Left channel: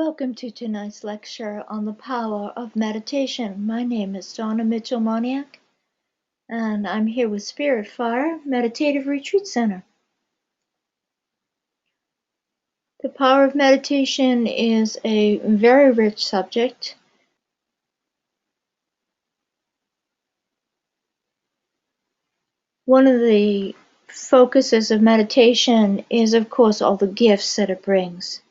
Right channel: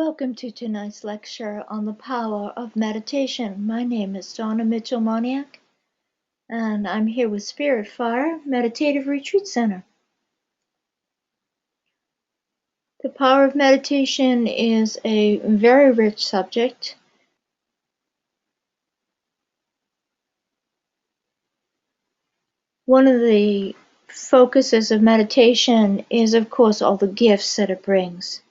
Welcome to tonight's lecture on the power of meditation. My name is Donna Mitchell-Moniak, and I'm here with Spirit Fire Meditative Retreat Center. The power of meditation is a very rich subject. One of the focuses of meditation is, of course, all the gifts that it brings.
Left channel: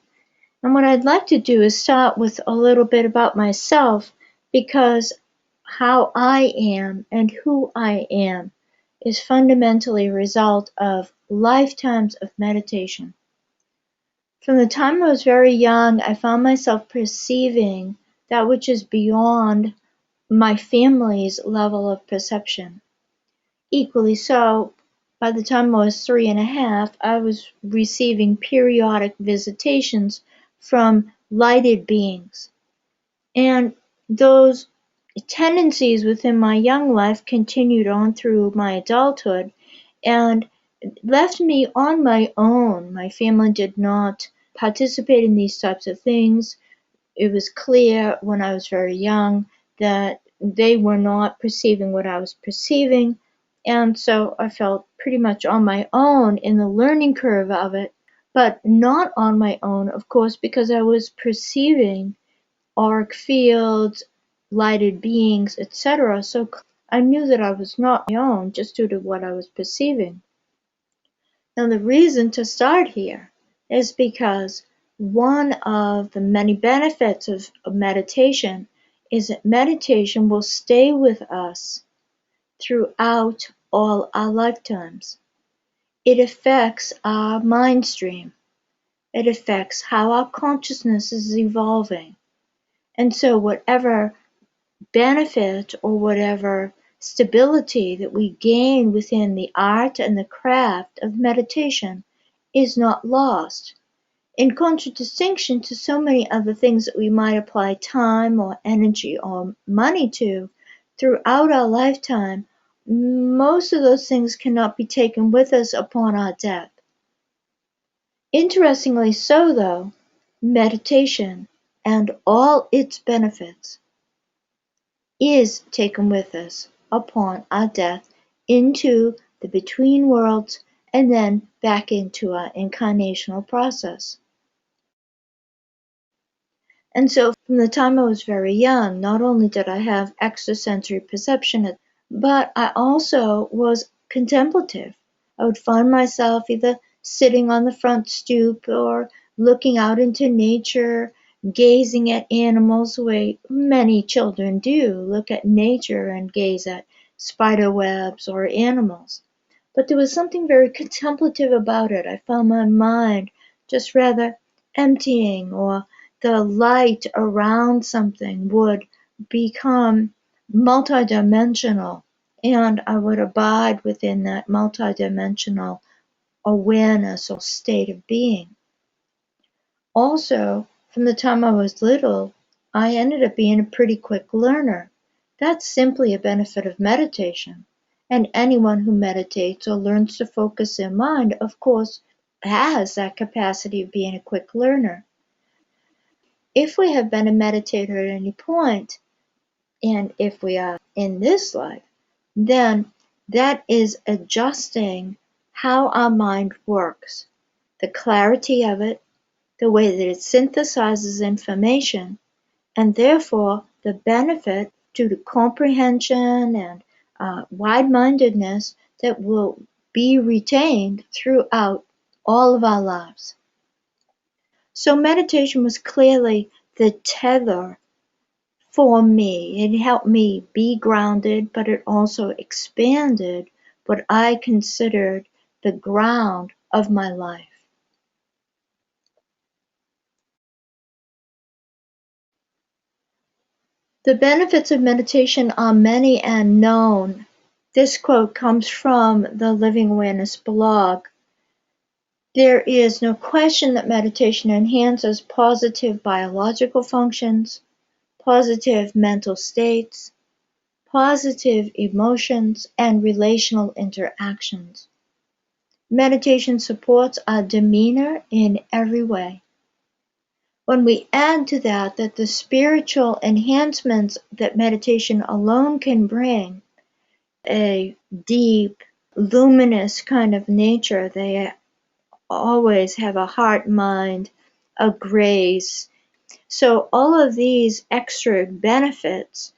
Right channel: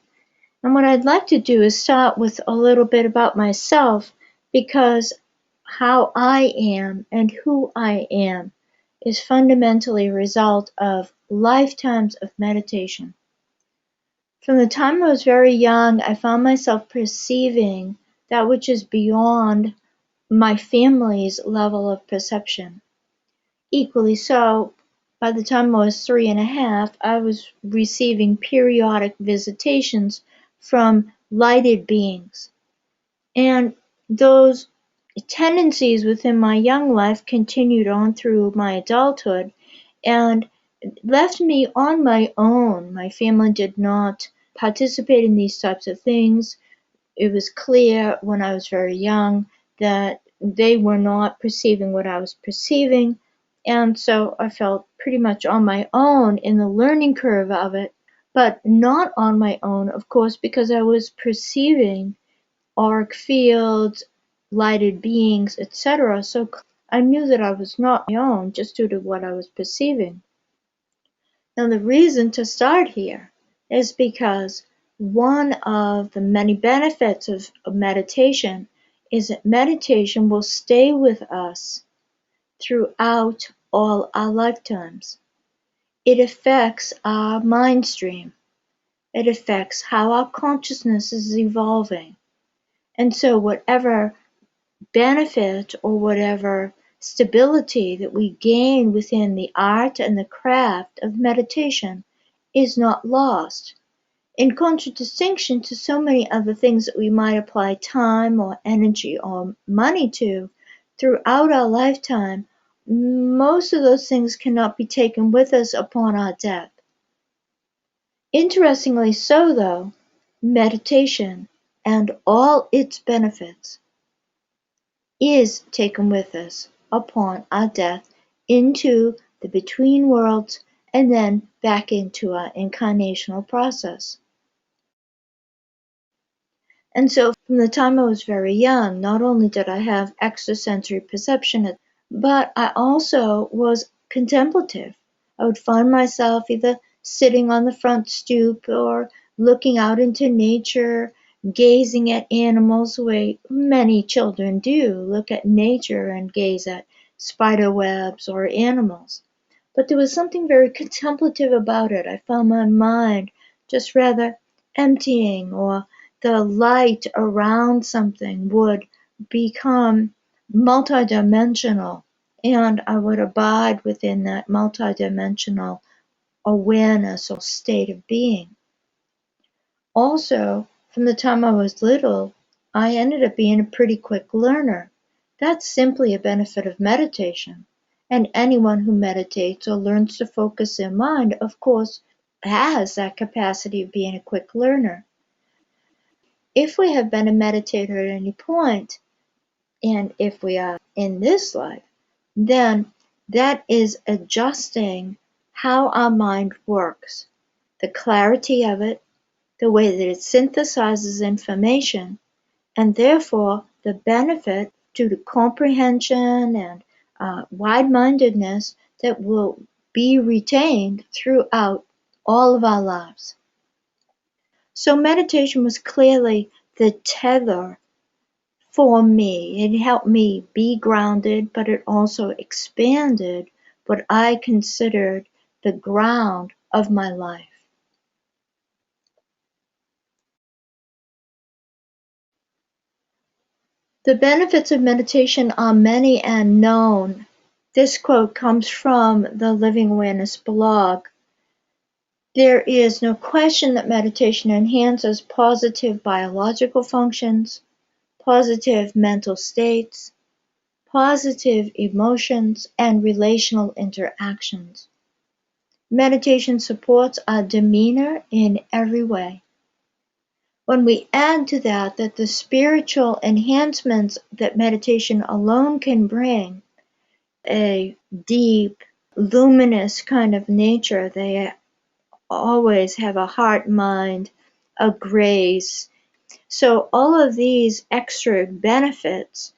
And what I'd like to do is start with a little bit about myself, because how I am and who I am is fundamentally a result of lifetimes of meditation. From the time I was very young, I found myself perceiving that which is beyond my family's level of perception. Equally so, by the time I was 3.5, I was receiving periodic visitations from lighted beings. And those tendencies within my young life continued on through my adulthood and left me on my own. My family did not participate in these types of things. It was clear when I was very young that they were not perceiving what I was perceiving, and so I felt pretty much on my own in the learning curve of it, but not on my own, of course, because I was perceiving auric fields, lighted beings, etc. So I knew that I was not my own just due to what I was perceiving. Now the reason to start here is because one of the many benefits of meditation is that meditation will stay with us throughout all our lifetimes. It affects our mind stream. It affects how our consciousness is evolving. And so whatever benefit or whatever stability that we gain within the art and the craft of meditation is not lost, in contradistinction to so many other things that we might apply time or energy or money to throughout our lifetime. Most of those things cannot be taken with us upon our death. Interestingly so, though, meditation and all its benefits is taken with us upon our death into the between worlds and then back into our incarnational process. And so from the time I was very young, not only did I have extrasensory perception, but I also was contemplative. I would find myself either sitting on the front stoop or looking out into nature, gazing at animals the way many children do, look at nature and gaze at spider webs or animals. But there was something very contemplative about it. I found my mind just rather emptying, or the light around something would become multidimensional, and I would abide within that multidimensional awareness or state of being. Also, from the time I was little, I ended up being a pretty quick learner. That's simply a benefit of meditation. And anyone who meditates or learns to focus their mind, of course, has that capacity of being a quick learner. If we have been a meditator at any point, and if we are in this life, then that is adjusting how our mind works, the clarity of it, the way that it synthesizes information, and therefore the benefit due to comprehension and wide-mindedness that will be retained throughout all of our lives. So meditation was clearly the tether for me. It helped me be grounded, but it also expanded what I considered the ground of my life. The benefits of meditation are many and known. This quote comes from the Living Awareness blog. There is no question that meditation enhances positive biological functions, positive mental states, positive emotions, and relational interactions. Meditation supports our demeanor in every way. When we add to that the spiritual enhancements that meditation alone can bring, a deep, luminous kind of nature, they always have a heart mind, a grace. So all of these extra benefits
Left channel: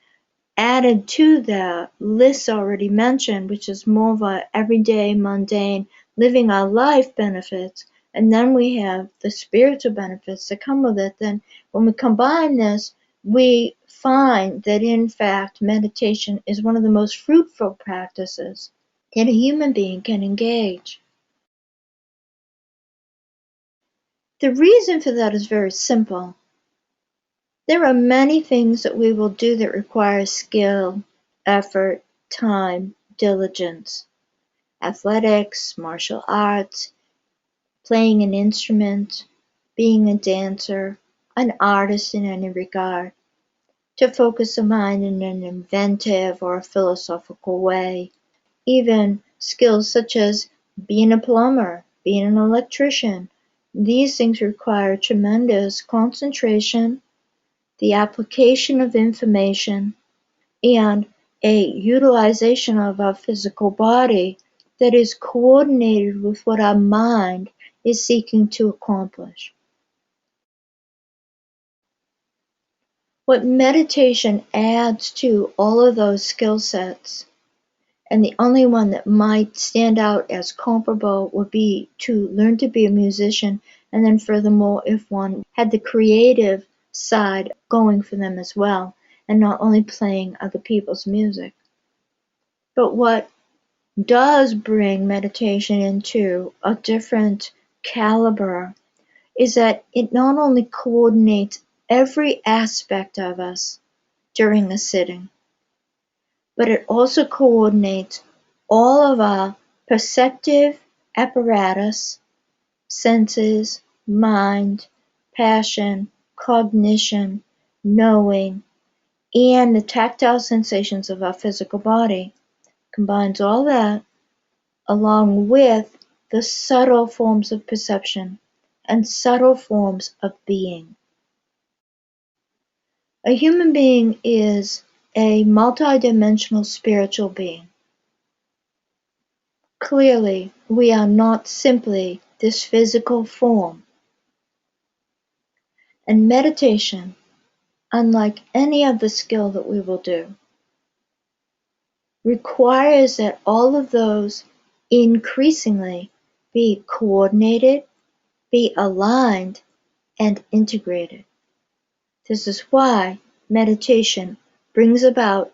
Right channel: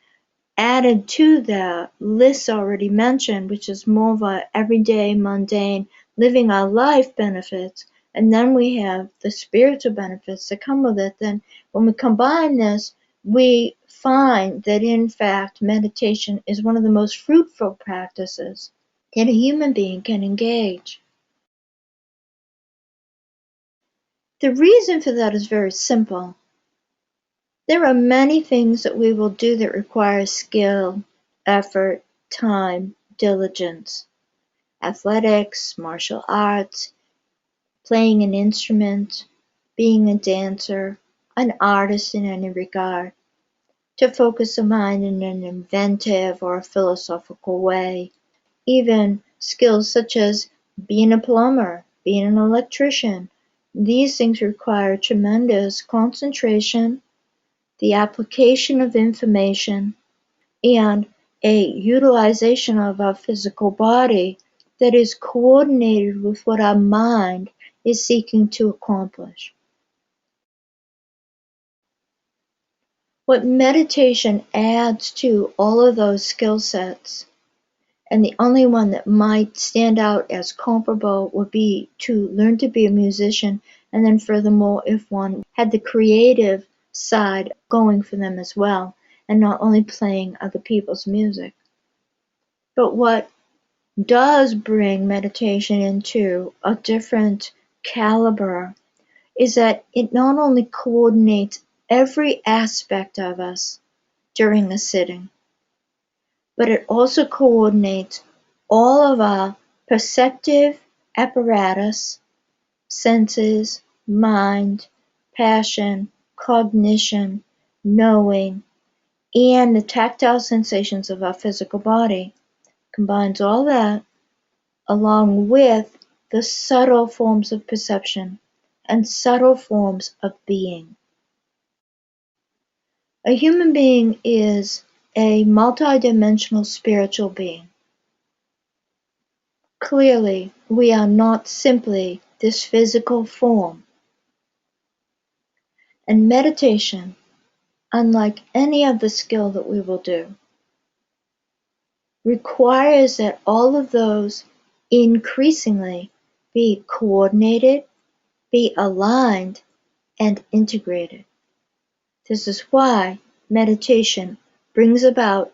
added to the list already mentioned, which is more of a everyday, mundane, living our life benefits, and then we have the spiritual benefits that come with it, then when we combine this, we find that in fact meditation is one of the most fruitful practices that a human being can engage. The reason for that is very simple. There are many things that we will do that require skill, effort, time, diligence. Athletics, martial arts, playing an instrument, being a dancer, an artist in any regard, to focus the mind in an inventive or a philosophical way. Even skills such as being a plumber, being an electrician, these things require tremendous concentration, the application of information, and a utilization of our physical body that is coordinated with what our mind is seeking to accomplish. What meditation adds to all of those skill sets, and the only one that might stand out as comparable would be to learn to be a musician, and then furthermore, if one had the creative side going for them as well, and not only playing other people's music. But what does bring meditation into a different caliber is that it not only coordinates every aspect of us during a sitting, but it also coordinates all of our perceptive apparatus, senses, mind, passion, cognition, knowing, and the tactile sensations of our physical body. Combines all that along with the subtle forms of perception and subtle forms of being. A human being is a multidimensional spiritual being. Clearly, we are not simply this physical form. And meditation, unlike any other skill that we will do, requires that all of those increasingly be coordinated, be aligned, and integrated. This is why meditation brings about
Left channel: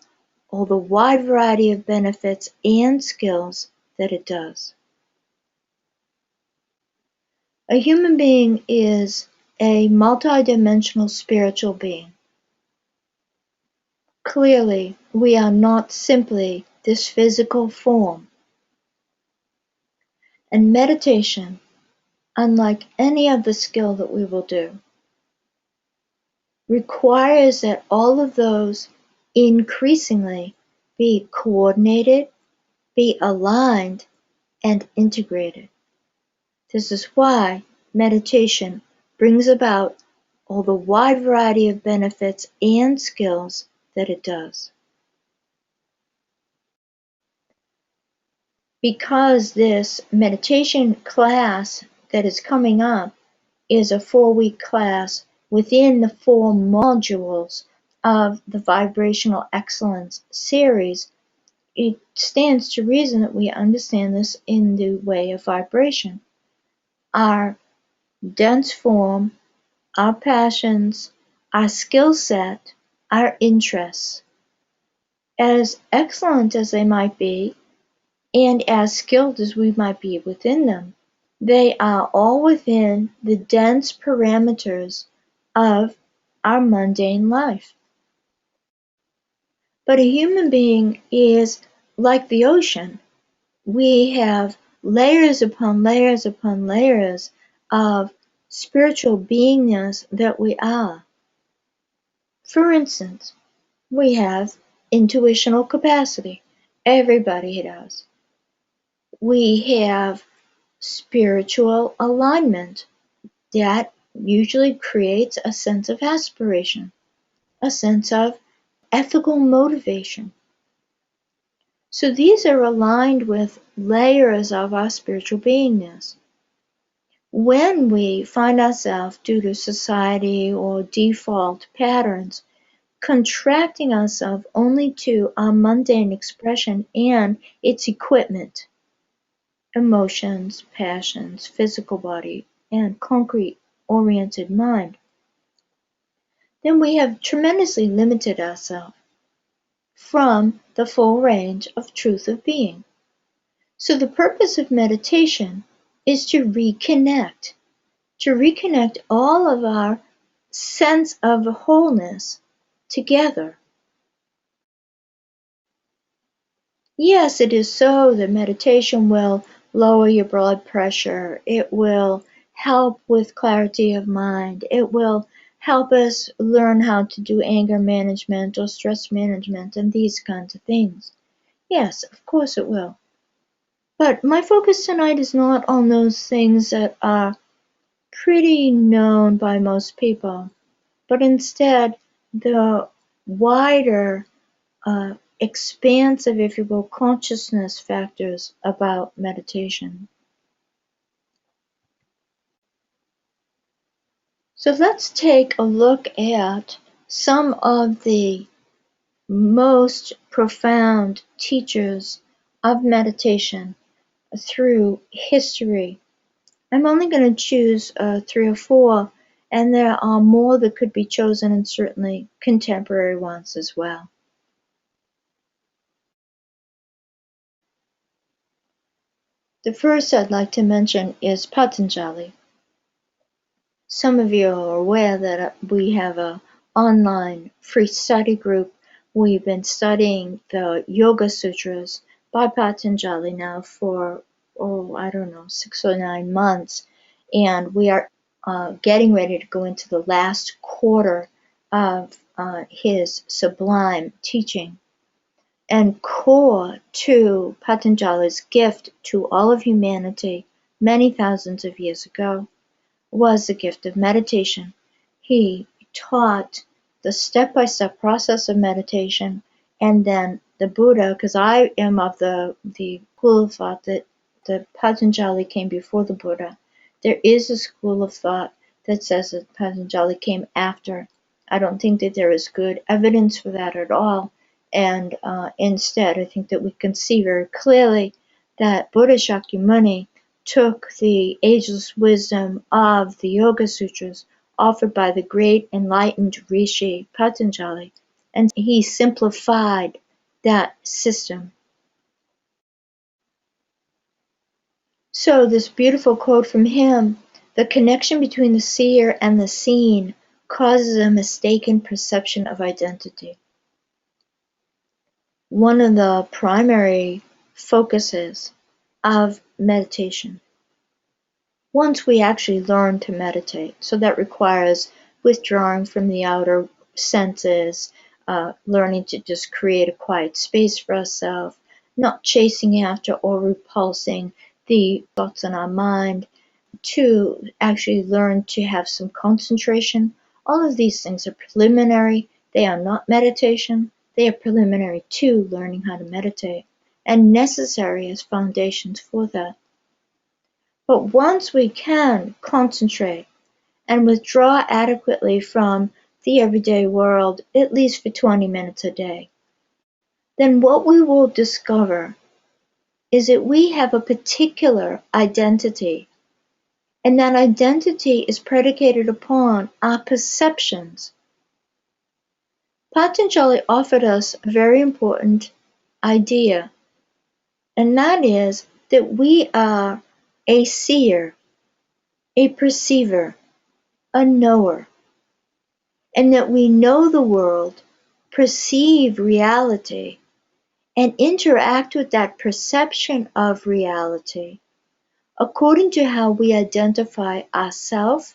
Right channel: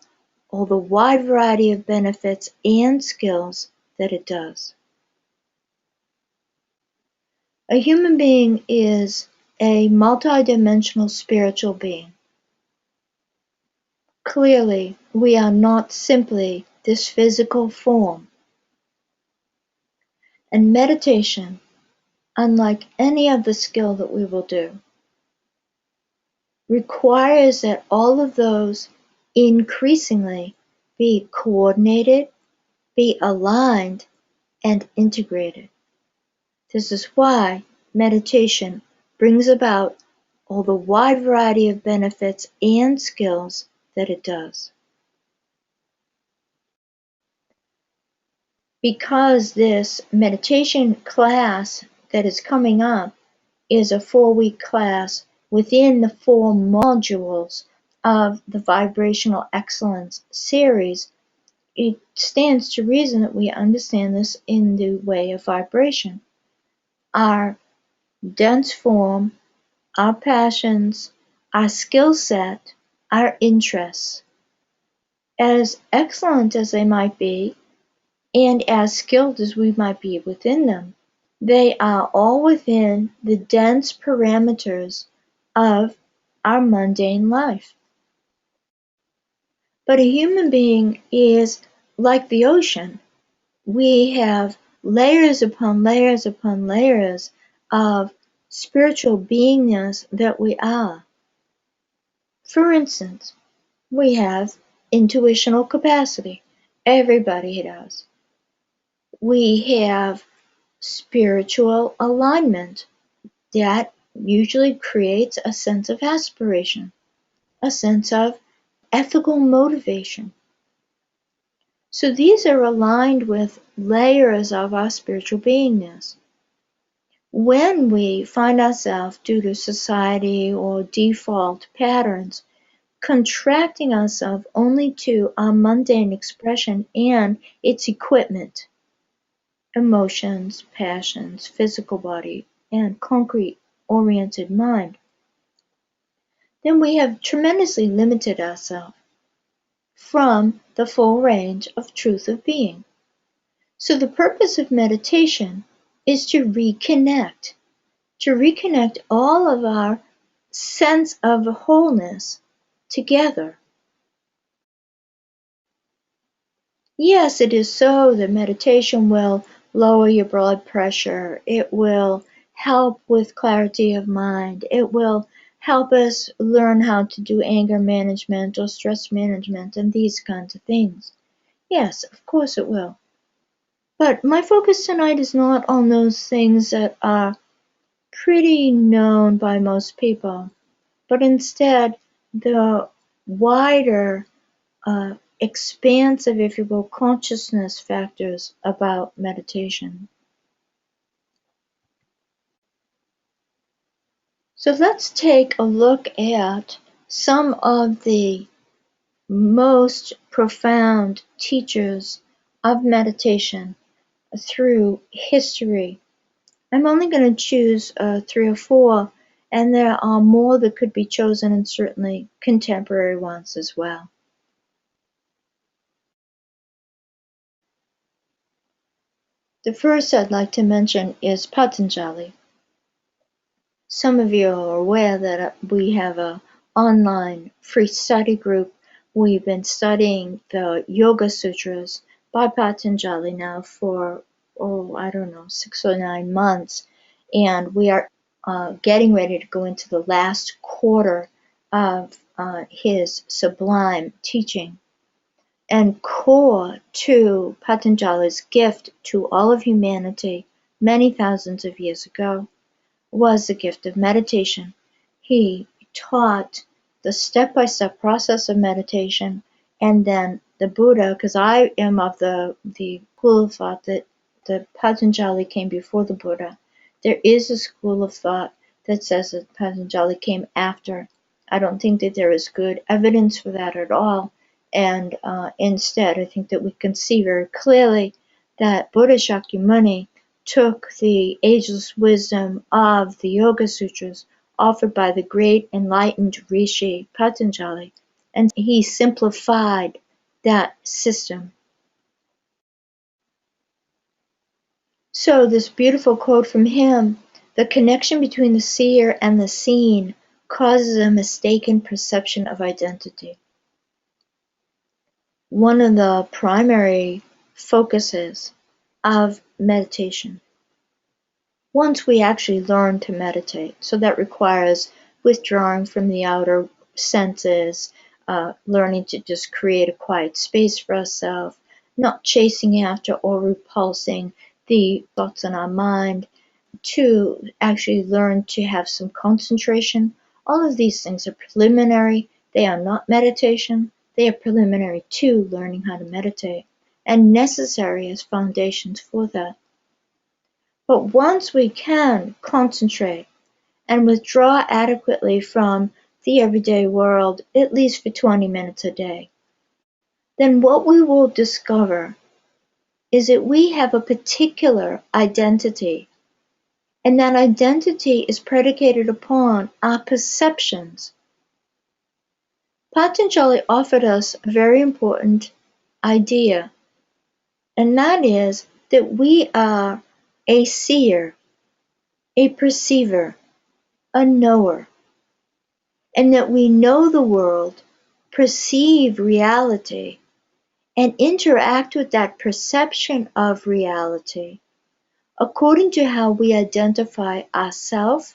all the wide variety of benefits and skills that it does. A human being is a multidimensional spiritual being. Clearly, we are not simply this physical form. And meditation, unlike any other skill that we will do, requires that all of those increasingly be coordinated, be aligned, and integrated. This is why meditation brings about all the wide variety of benefits and skills that it does. Because this meditation class that is coming up is a 4-week class within the 4 modules of the Vibrational Excellence series, it stands to reason that we understand this in the way of vibration. Our dense form, our passions, our skill set, our interests, as excellent as they might be, and as skilled as we might be within them, they are all within the dense parameters of our mundane life. But a human being is like the ocean. We have layers upon layers upon layers of spiritual beingness that we are. For instance, we have intuitional capacity. Everybody does. We have spiritual alignment that usually creates a sense of aspiration, a sense of ethical motivation. So these are aligned with layers of our spiritual beingness. When we find ourselves, due to society or default patterns, contracting ourselves only to our mundane expression and its equipment, emotions, passions, physical body, and concrete-oriented mind, then we have tremendously limited ourselves from the full range of truth of being. So the purpose of meditation is to reconnect all of our sense of wholeness together. Yes, it is so that meditation will lower your blood pressure. It will help with clarity of mind. It will help us learn how to do anger management or stress management and these kinds of things. Yes, of course it will. But my focus tonight is not on those things that are pretty known by most people, but instead the wider, expansive, if you will, consciousness factors about meditation. So let's take a look at some of the most profound teachers of meditation through history. I'm only going to choose 3 or 4, and there are more that could be chosen, and certainly contemporary ones as well. The first I'd like to mention is Patanjali. Some of you are aware that we have an online free study group. We've been studying the Yoga Sutras by Patanjali now for, 6 or 9 months, and we are getting ready to go into the last quarter of his sublime teaching. And core to Patanjali's gift to all of humanity many thousands of years ago was the gift of meditation. He taught the step-by-step process of meditation, and then the Buddha, because I am of the school of thought that the Patanjali came before the Buddha. There is a school of thought that says that Patanjali came after. I don't think that there is good evidence for that at all, and instead I think that we can see very clearly that Buddha Shakyamuni took the ageless wisdom of the Yoga Sutras offered by the great enlightened Rishi Patanjali, and he simplified that system. So this beautiful quote from him, "The connection between the seer and the seen causes a mistaken perception of identity." One of the primary focuses of meditation, once we actually learn to meditate. So that requires withdrawing from the outer senses, learning to just create a quiet space for ourselves, not chasing after or repulsing the thoughts in our mind, to actually learn to have some concentration. All of these things are preliminary. They are not meditation. They are preliminary to learning how to meditate and necessary as foundations for that. But once we can concentrate and withdraw adequately from the everyday world, at least for 20 minutes a day, then what we will discover is that we have a particular identity, and that identity is predicated upon our perceptions. Patanjali offered us a very important idea, and that is that we are a seer, a perceiver, a knower, and that we know the world, perceive reality, and interact with that perception of reality according to how we identify ourselves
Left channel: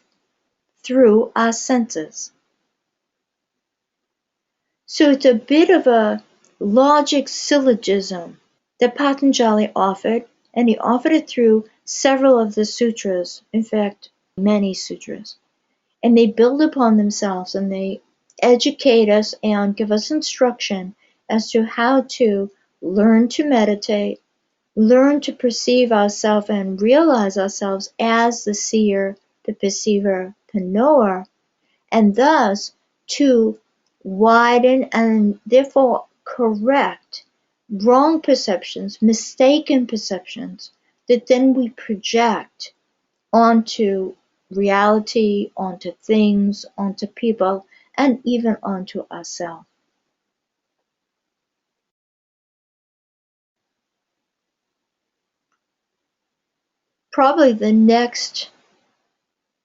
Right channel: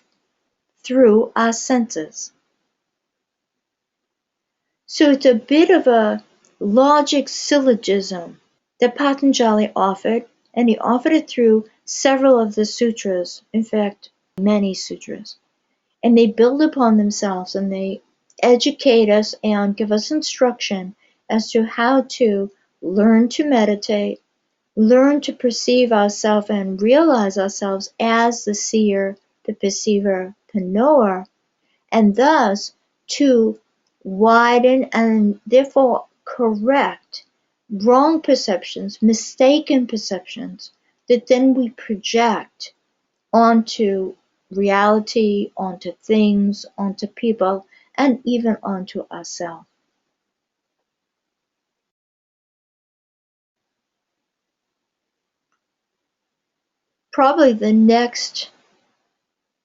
through our senses. So it's a bit of a logic syllogism that Patanjali offered, and he offered it through several of the sutras, in fact, many sutras. and they build upon themselves and they educate us and give us instruction as to how to learn to meditate, learn to perceive ourselves and realize ourselves as the seer, the perceiver, the knower, and thus to widen and therefore correct wrong perceptions, mistaken perceptions that then we project onto reality, onto things, onto people, and even onto ourselves. Probably the next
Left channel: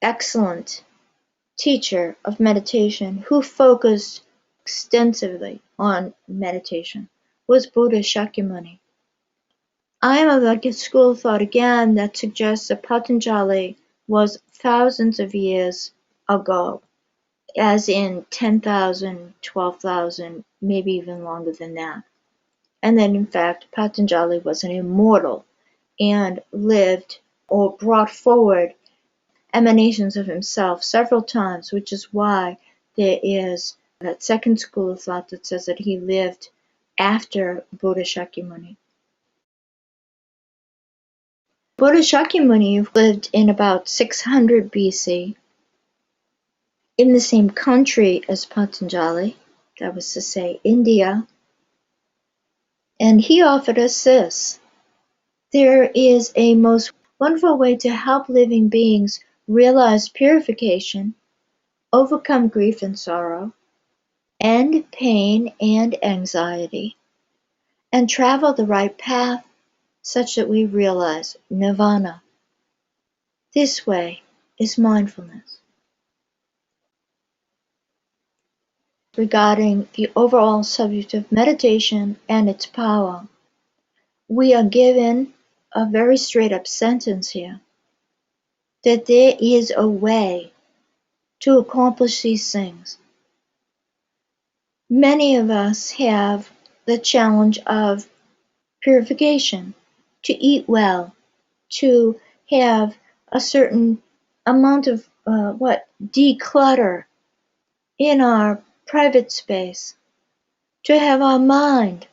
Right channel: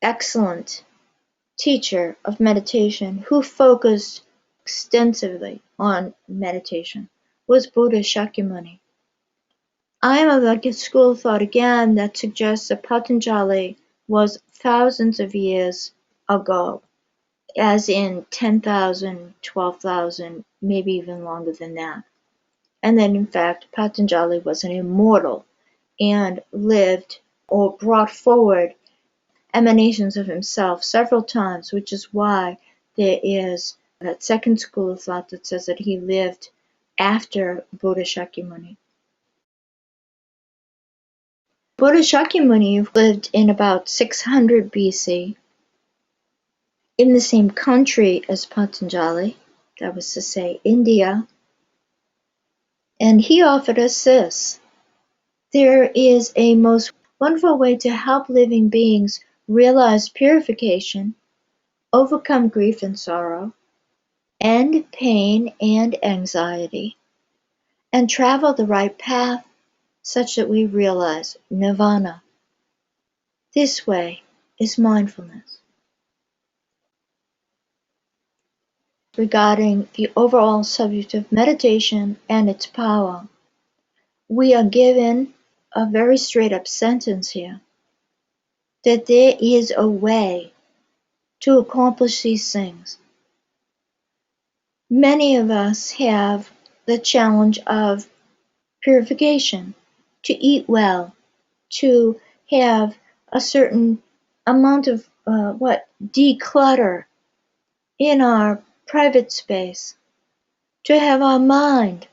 excellent teacher of meditation who focused extensively on meditation was Buddha Shakyamuni. I am of a school of thought again that suggests that Patanjali was thousands of years ago, as in 10,000, 12,000, maybe even longer than that. And that in fact Patanjali was an immortal and lived or brought forward emanations of himself several times, which is why there is that second school of thought that says that he lived after Buddha Shakyamuni. Buddha Shakyamuni lived in about 600 BC in the same country as Patanjali, that was to say India, and he offered us this: there is a most wonderful way to help living beings realize purification, overcome grief and sorrow, end pain and anxiety, and travel the right path such that we realize nirvana. This way is mindfulness. Regarding the overall subject of meditation and its power, we are given a very straight up sentence here that there is a way to accomplish these things. Many of us have the challenge of purification, to eat well, to have a certain amount of declutter in our private space, to have our mind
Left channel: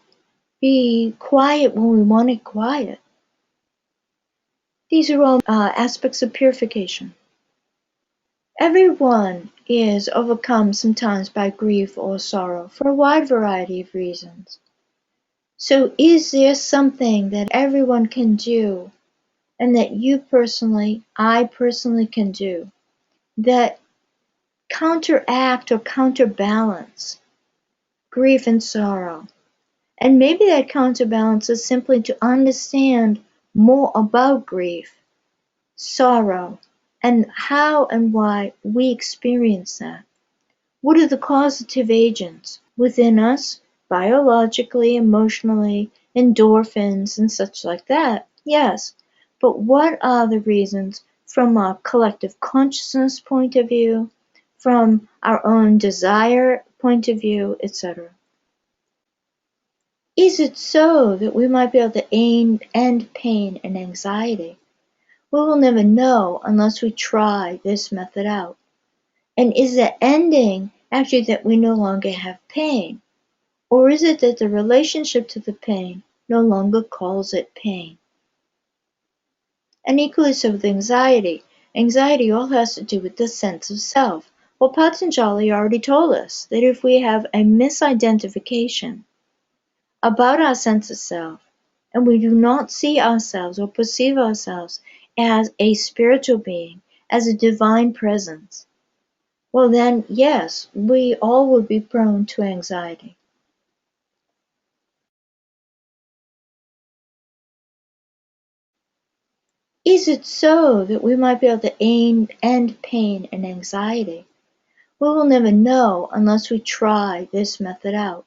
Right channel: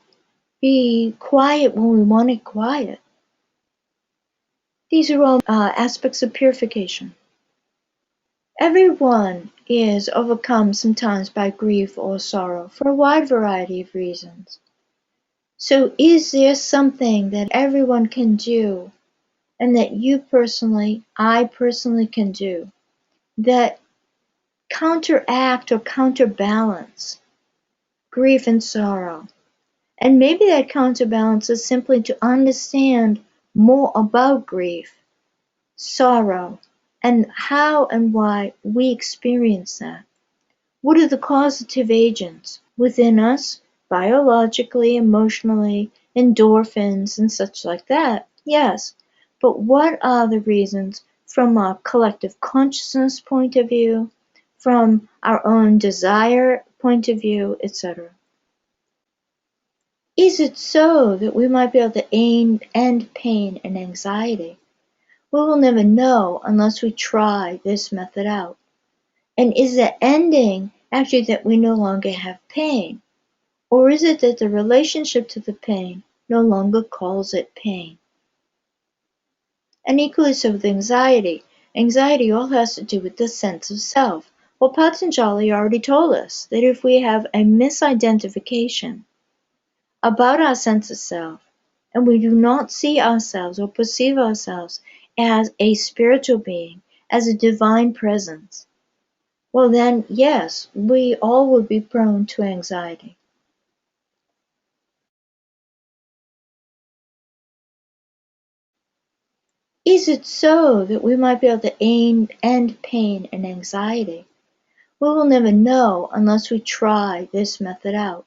be quiet when we want it quiet. These are all aspects of purification. Everyone is overcome sometimes by grief or sorrow for a wide variety of reasons. So is there something that everyone can do and that you personally, I personally can do that counteract or counterbalance grief and sorrow? And maybe that counterbalance is simply to understand more about grief, sorrow, and how and why we experience that. What are the causative agents within us, biologically, emotionally, endorphins, and such like that? Yes. But what are the reasons from a collective consciousness point of view, from our own desire point of view, etc.? Is it so that we might be able to end pain and anxiety? We will never know unless we try this method out. And is the ending actually that we no longer have pain? Or is it that the relationship to the pain no longer calls it pain? And equally so with anxiety. Anxiety all has to do with the sense of self. Well, Patanjali already told us that if we have a misidentification about our sense of self, and we do not see ourselves or perceive ourselves as a spiritual being, as a divine presence, well then, yes, we all would be prone to anxiety. Is it so that we might be able to end pain and anxiety? We will never know unless we try this method out.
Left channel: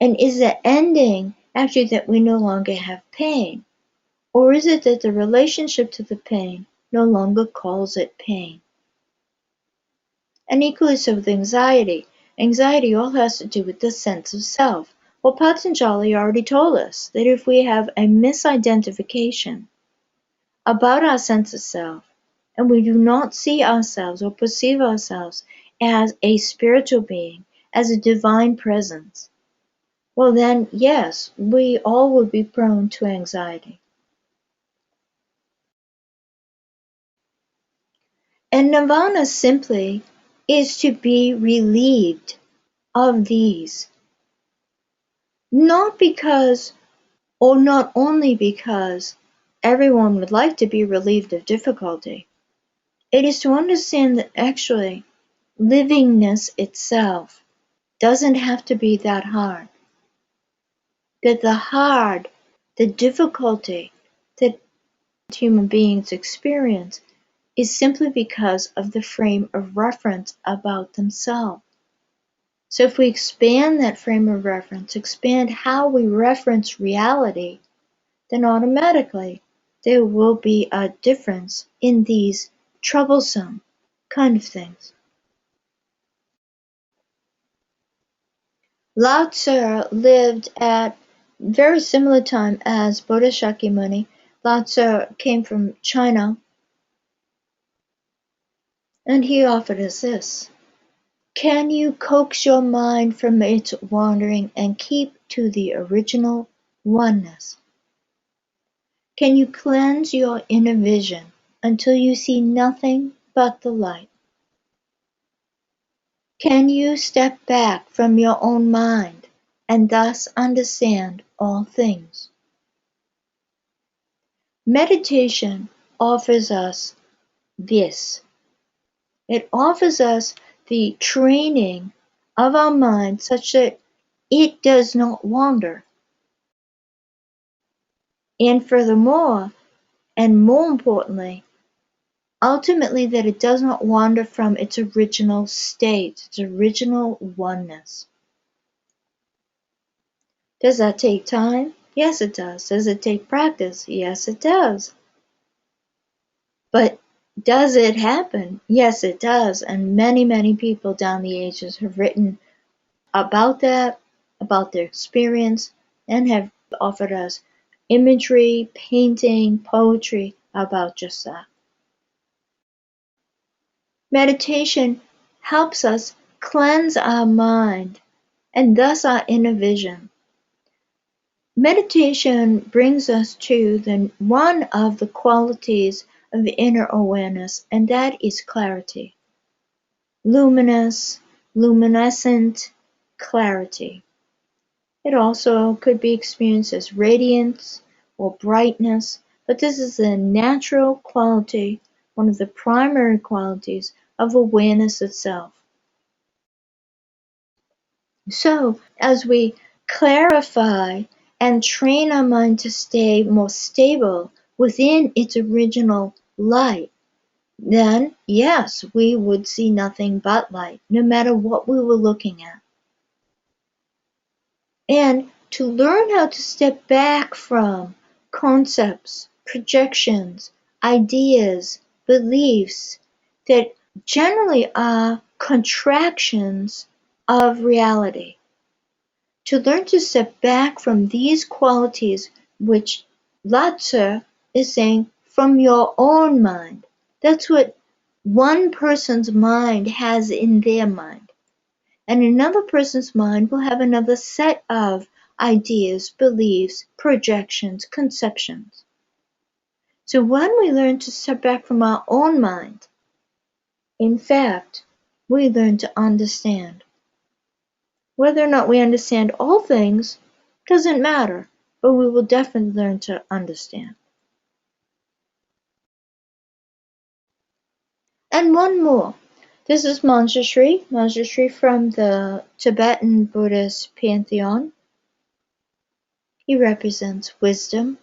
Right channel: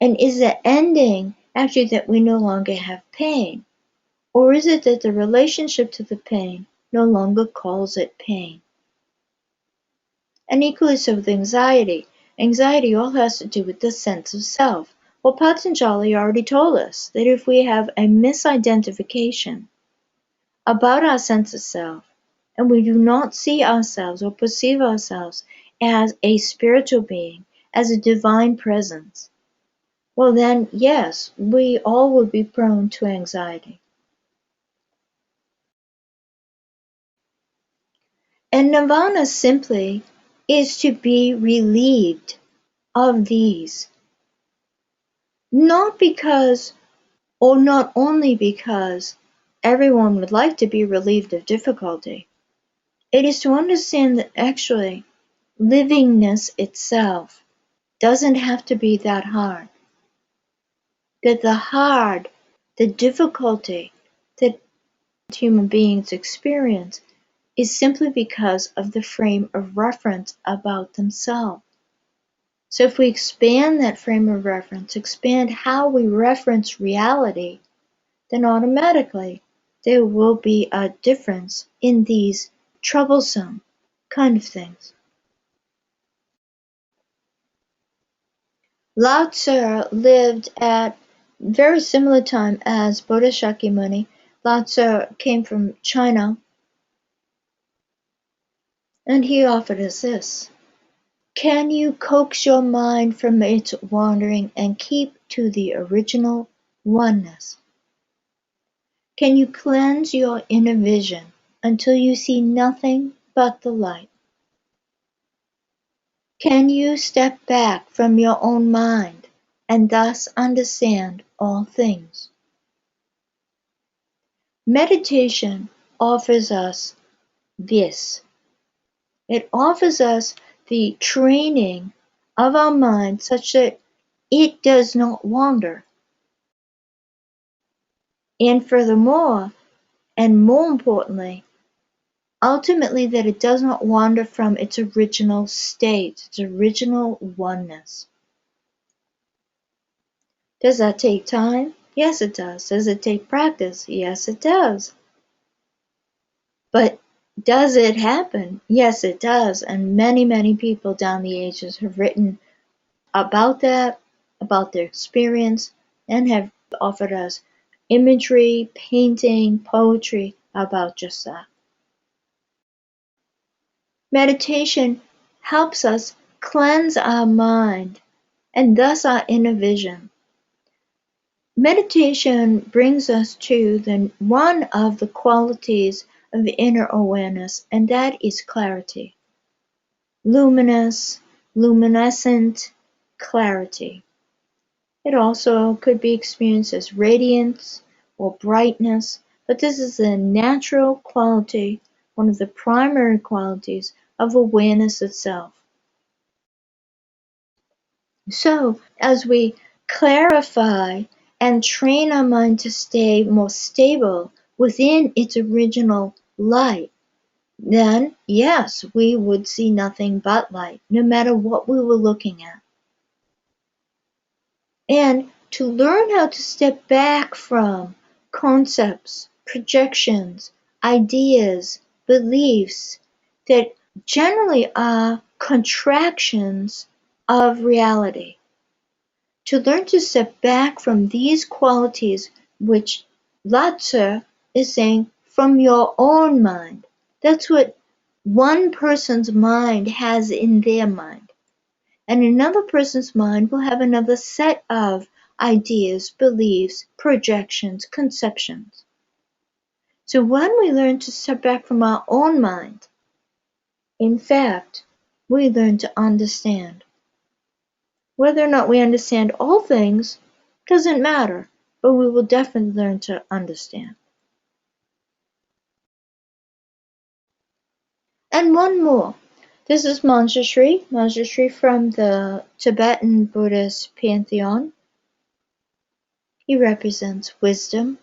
And is the ending actually that we no longer have pain? Or is it that the relationship to the pain no longer calls it pain? And equally so with anxiety. Anxiety all has to do with the sense of self. Well, Patanjali already told us that if we have a misidentification about our sense of self, and we do not see ourselves or perceive ourselves as a spiritual being, as a divine presence, well then, yes, we all would be prone to anxiety. And nirvana simply is to be relieved of these. Not because, or not only because, everyone would like to be relieved of difficulty. It is to understand that actually livingness itself doesn't have to be that hard. That the difficulty that human beings experience is simply because of the frame of reference about themselves. So if we expand that frame of reference, expand how we reference reality, then automatically there will be a difference in these troublesome kind of things. Lao Tzu lived at very similar time as Buddha Shakyamuni. Lao Tzu came from China, and he offered us this. Can you coax your mind from its wandering and keep to the original oneness? Can you cleanse your inner vision until you see nothing but the light? Can you step back from your own mind and thus understand all things? Meditation offers us this. It offers us the training of our mind such that it does not wander. And furthermore, and more importantly, ultimately that it does not wander from its original state, its original oneness. Does that take time? Yes, it does. Does it take practice? Yes, it does. But does it happen? Yes, it does. And many, many people down the ages have written about that, about their experience, and have offered us imagery, painting, poetry about just that. Meditation helps us cleanse our mind and thus our inner vision. Meditation brings us to one of the qualities of inner awareness, and that is clarity. Luminous, luminescent clarity. It also could be experienced as radiance or brightness, but this is a natural quality, one of the primary qualities of awareness itself. So, as we clarify and train our mind to stay more stable within its original light, then yes, we would see nothing but light, no matter what we were looking at. And to learn how to step back from concepts, projections, ideas, beliefs that generally are contractions of reality. To learn to step back from these qualities which Lao Tzu is saying from your own mind. That's what one person's mind has in their mind. And another person's mind will have another set of ideas, beliefs, projections, conceptions. So when we learn to step back from our own mind, in fact, we learn to understand. Whether or not we understand all things doesn't matter, but we will definitely learn to understand. And one more. This is Manjushri from the Tibetan Buddhist pantheon. He represents wisdom.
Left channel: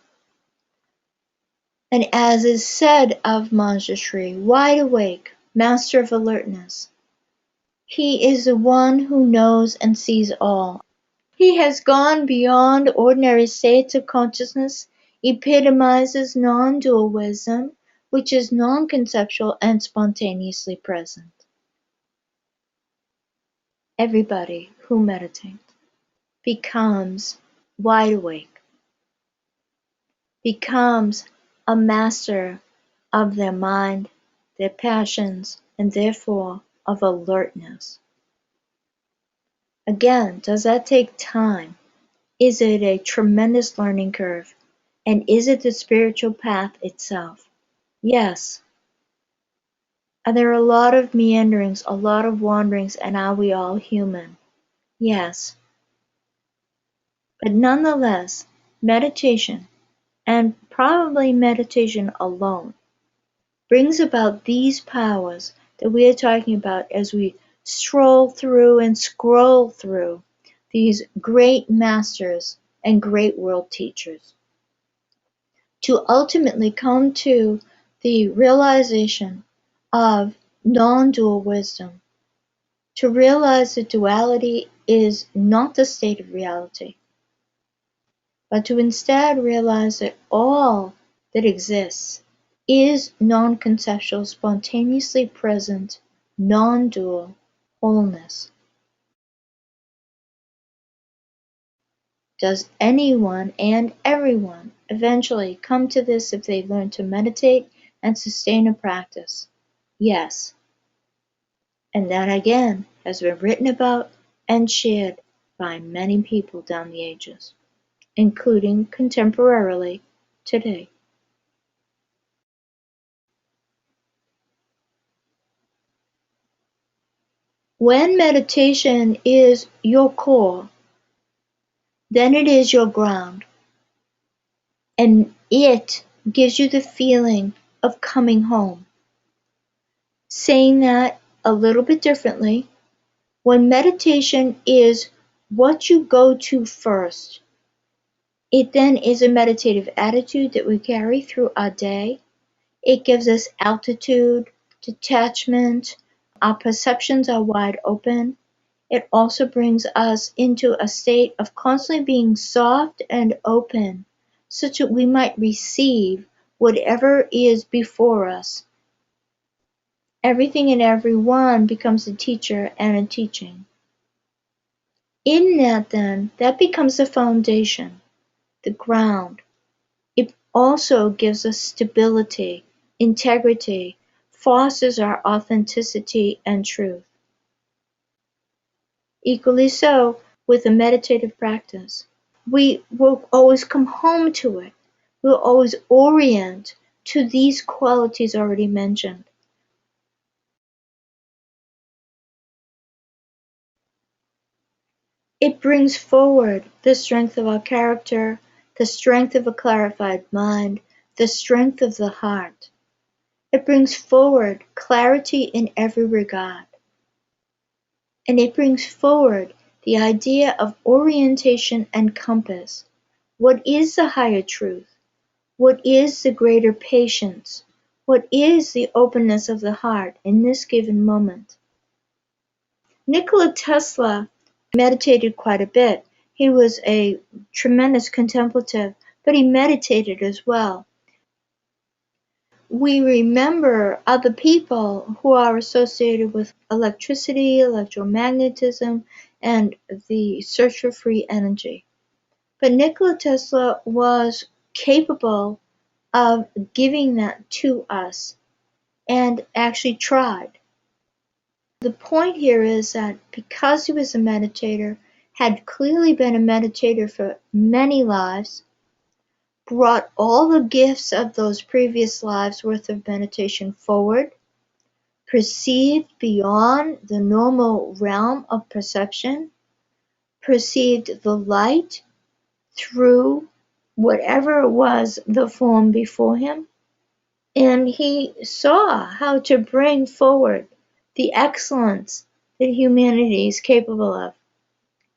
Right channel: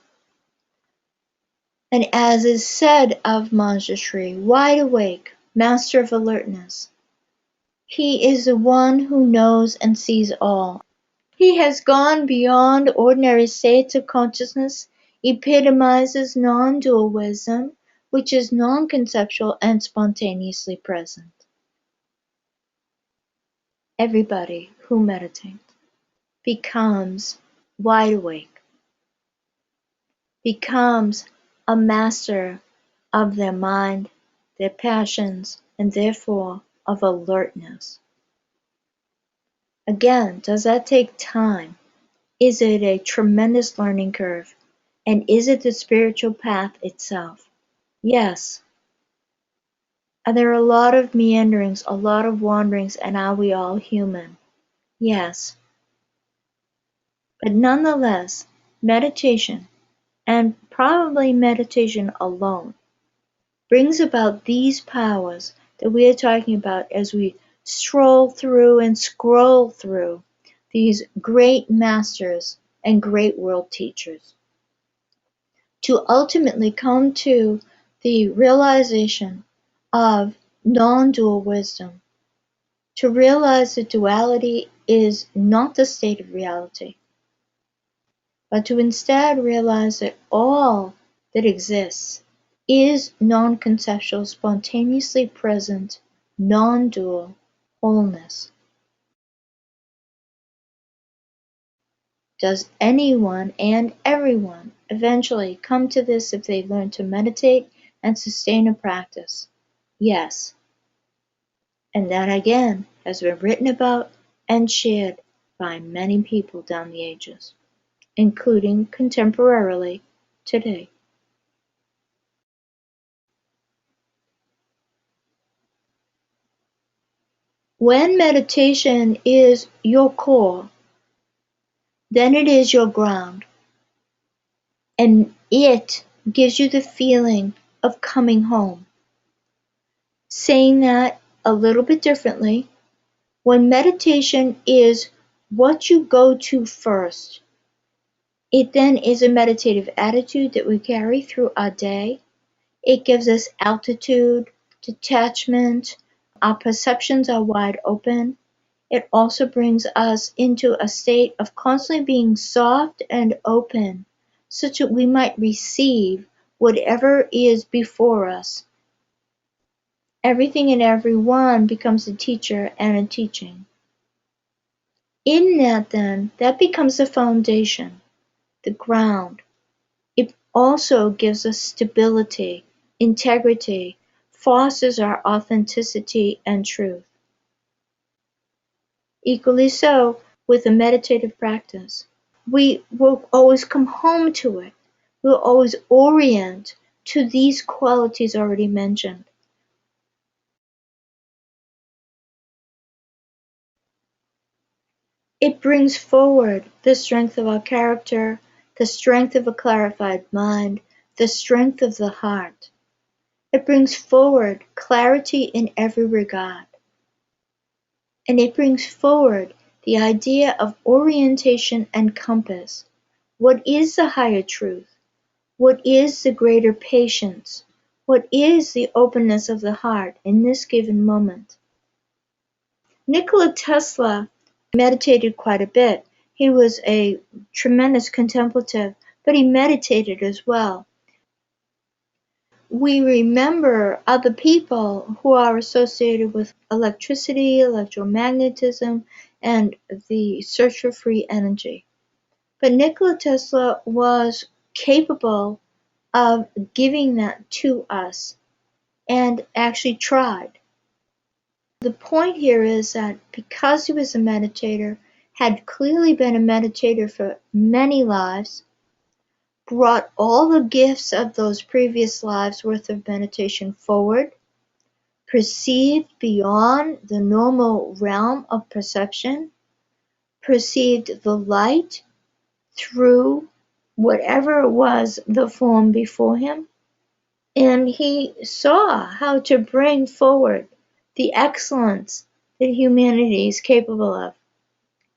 And as is said of Manjushri, wide awake, master of alertness, he is the one who knows and sees all. He has gone beyond ordinary states of consciousness, epitomizes non-dual wisdom, which is non-conceptual and spontaneously present. Everybody who meditates becomes wide awake, becomes a master of their mind their passions, and therefore of alertness. Again, does that take time? Is it a tremendous learning curve? And is it the spiritual path itself? Yes. Are there a lot of meanderings, a lot of wanderings, and are we all human? Yes. But nonetheless, meditation, and probably meditation alone, brings about these powers that we are talking about as we stroll through and scroll through these great masters and great world teachers, to ultimately come to the realization of non-dual wisdom, to realize that duality is not the state of reality, but to instead realize that all that exists is non-conceptual, spontaneously present, non-dual wholeness. Does anyone and everyone eventually come to this if they learn to meditate and sustain a practice? Yes. And that again has been written about and shared by many people down the ages, including contemporarily today. When meditation is your core, then it is your ground, and it gives you the feeling of coming home. Saying that a little bit differently, when meditation is what you go to first, it then is a meditative attitude that we carry through our day. It gives us altitude, detachment, our perceptions are wide open. It also brings us into a state of constantly being soft and open, such that we might receive whatever is before us. Everything and everyone becomes a teacher and a teaching. In that then, that becomes the foundation, the ground. It also gives us stability, integrity, fosters our authenticity and truth. Equally so with a meditative practice. We will always come home to it. We'll always orient to these qualities already mentioned. It brings forward the strength of our character, the strength of a clarified mind, the strength of the heart. It brings forward clarity in every regard. And it brings forward the idea of orientation and compass. What is the higher truth? What is the greater patience? What is the openness of the heart in this given moment? Nikola Tesla meditated quite a bit. He was a tremendous contemplative, but he meditated as well. We remember other people who are associated with electricity, electromagnetism, and the search for free energy. But Nikola Tesla was capable of giving that to us and actually tried. The point here is that because he was a meditator, had clearly been a meditator for many lives, brought all the gifts of those previous lives worth of meditation forward, perceived beyond the normal realm of perception, perceived the light through whatever it was the form before him, and he saw how to bring forward the excellence that humanity is capable of,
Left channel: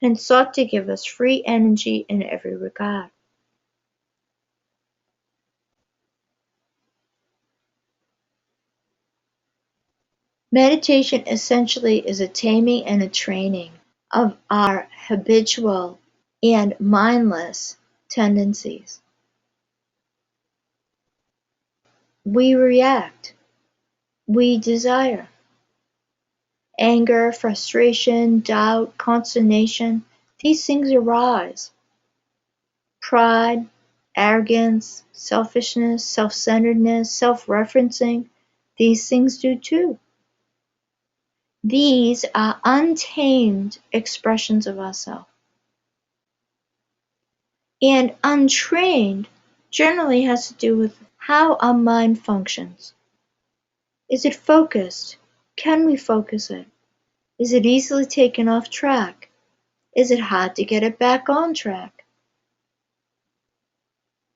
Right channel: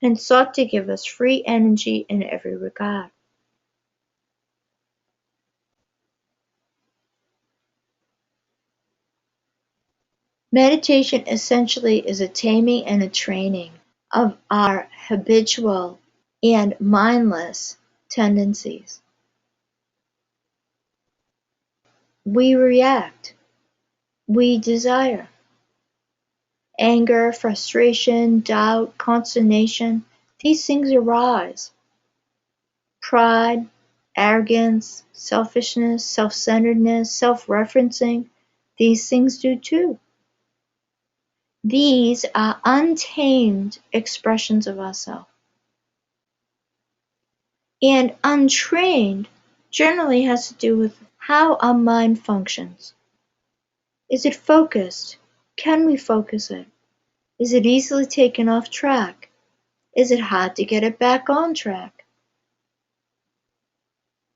and sought to give us free energy in every regard. Meditation essentially is a taming and a training of our habitual and mindless tendencies. We react, we desire. Anger, frustration, doubt, consternation, these things arise. Pride, arrogance, selfishness, self-centeredness, self-referencing, These things do too. These are untamed expressions of ourselves. And untrained generally has to do with how our mind functions. Is it focused? Can we focus it? Is it easily taken off track? Is it hard to get it back on track?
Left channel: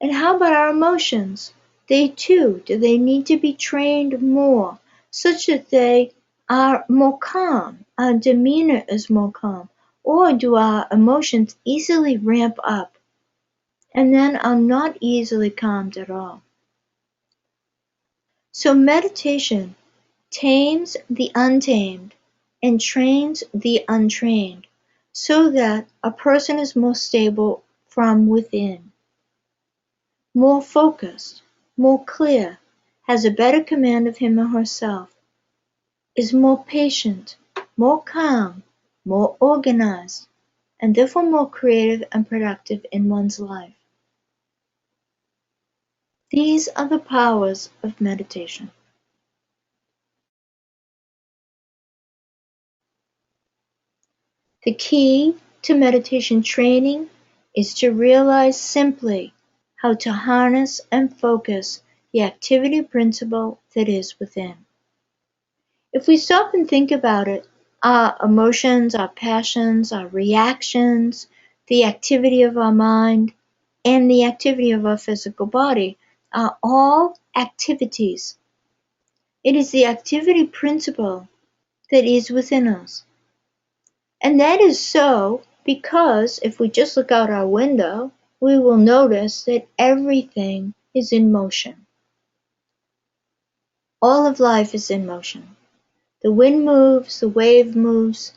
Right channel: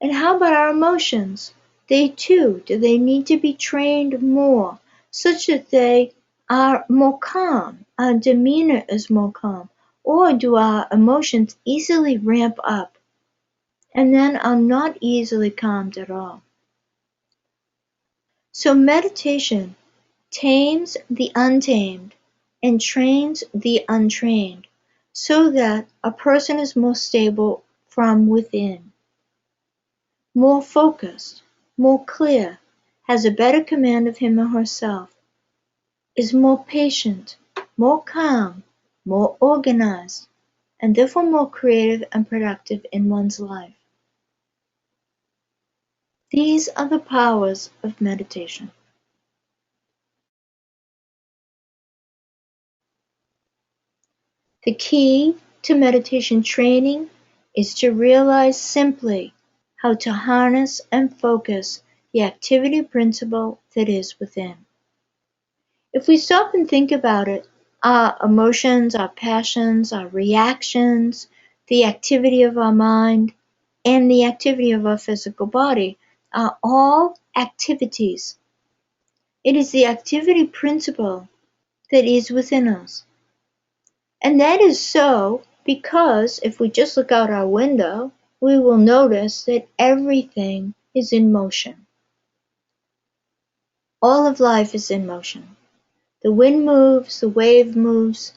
And how about our emotions? They too, do they need to be trained more such that they are more calm, our demeanor is more calm? Or do our emotions easily ramp up and then are not easily calmed at all? So meditation tames the untamed and trains the untrained so that a person is more stable from within, more focused, more clear, has a better command of him or herself, is more patient, more calm, more organized, and therefore more creative and productive in one's life. These are the powers of meditation. The key to meditation training is to realize simply how to harness and focus the activity principle that is within. If we stop and think about it, our emotions, our passions, our reactions, the activity of our mind, and the activity of our physical body are all activities. It is the activity principle that is within us. And that is so because if we just look out our window, we will notice that everything is in motion. All of life is in motion. The wind moves, the wave moves,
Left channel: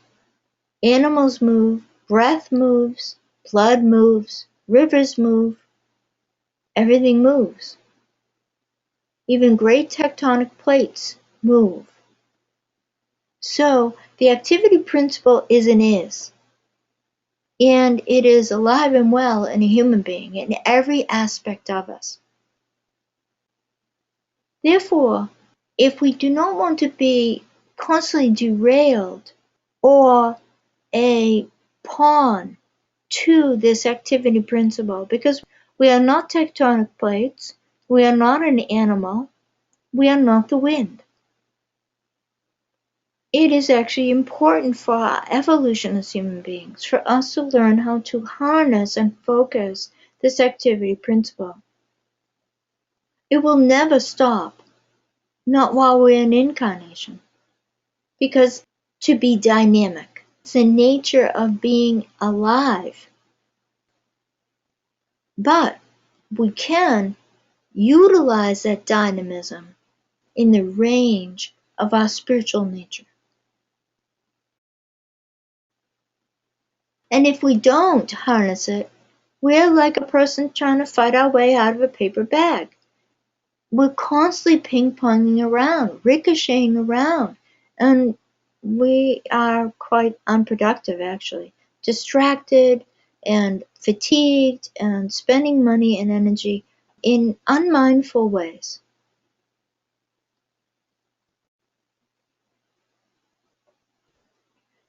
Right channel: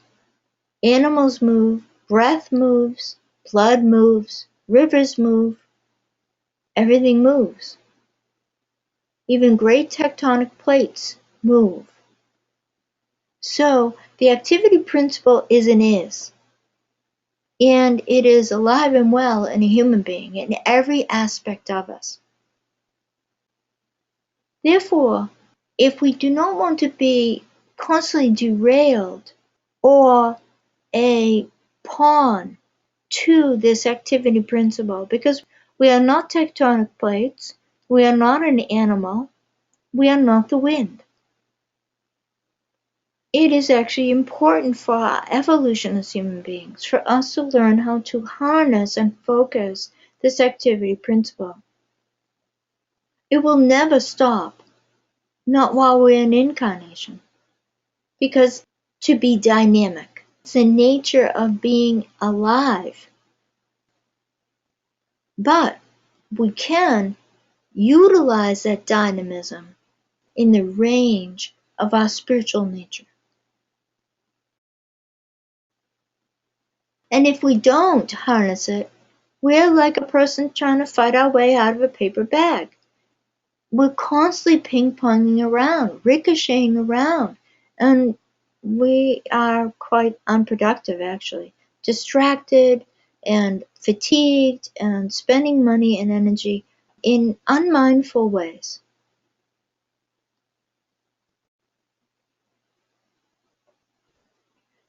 animals move, breath moves, blood moves, rivers move, everything moves. Even great tectonic plates move. So the activity principle is and is. And it is alive and well in a human being, in every aspect of us. Therefore, if we do not want to be constantly derailed or a pawn to this activity principle, because we are not tectonic plates, we are not an animal, we are not the wind. It is actually important for our evolution as human beings for us to learn how to harness and focus this activity principle. It will never stop, not while we're in incarnation, because to be dynamic, it's the nature of being alive. But we can utilize that dynamism in the range of our spiritual nature. And if we don't harness it, we're like a person trying to fight our way out of a paper bag. We're constantly ping-ponging around, ricocheting around, and we are quite unproductive actually, distracted and fatigued and spending money and energy in unmindful ways.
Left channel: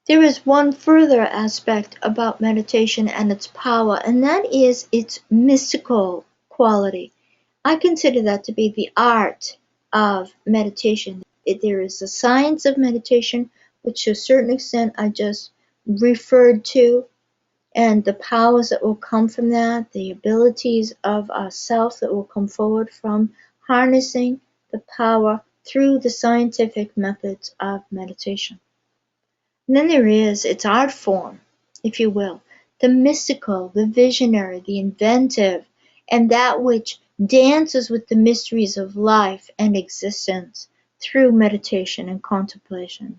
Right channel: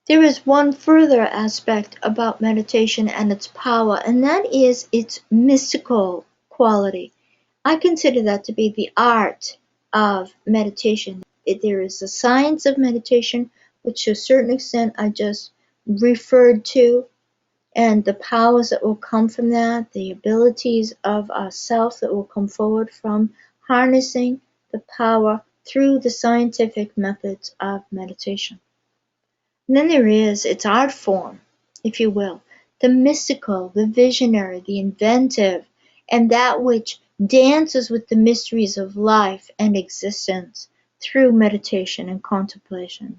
There is one further aspect about meditation and its power, and that is its mystical quality. I consider that to be the art of meditation. There is the science of meditation, which to a certain extent I just referred to, and the powers that will come from that, the abilities of ourself that will come forward from harnessing the power through the scientific methods of meditation. And then there is its art form, if you will, the mystical, the visionary, the inventive, and that which dances with the mysteries of life and existence through meditation and contemplation.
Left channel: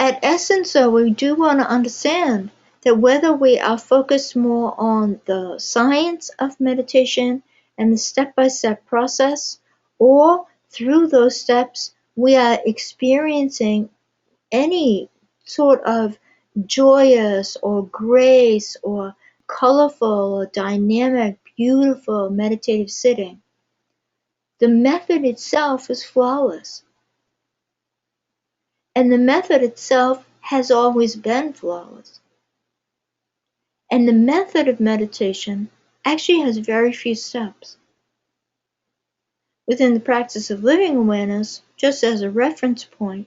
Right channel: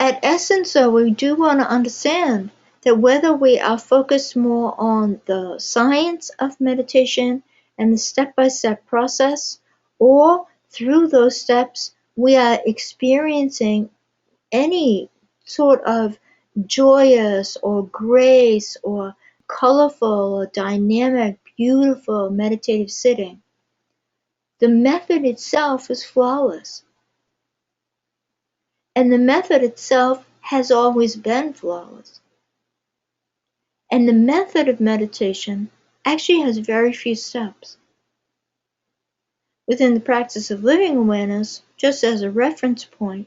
At essence, though, we do want to understand that whether we are focused more on the science of meditation and the step-by-step process, or through those steps we are experiencing any sort of joyous or grace or colorful or dynamic beautiful meditative sitting, the method itself is flawless. And the method itself has always been flawless. And the method of meditation actually has very few steps. Within the practice of living awareness, just as a reference point,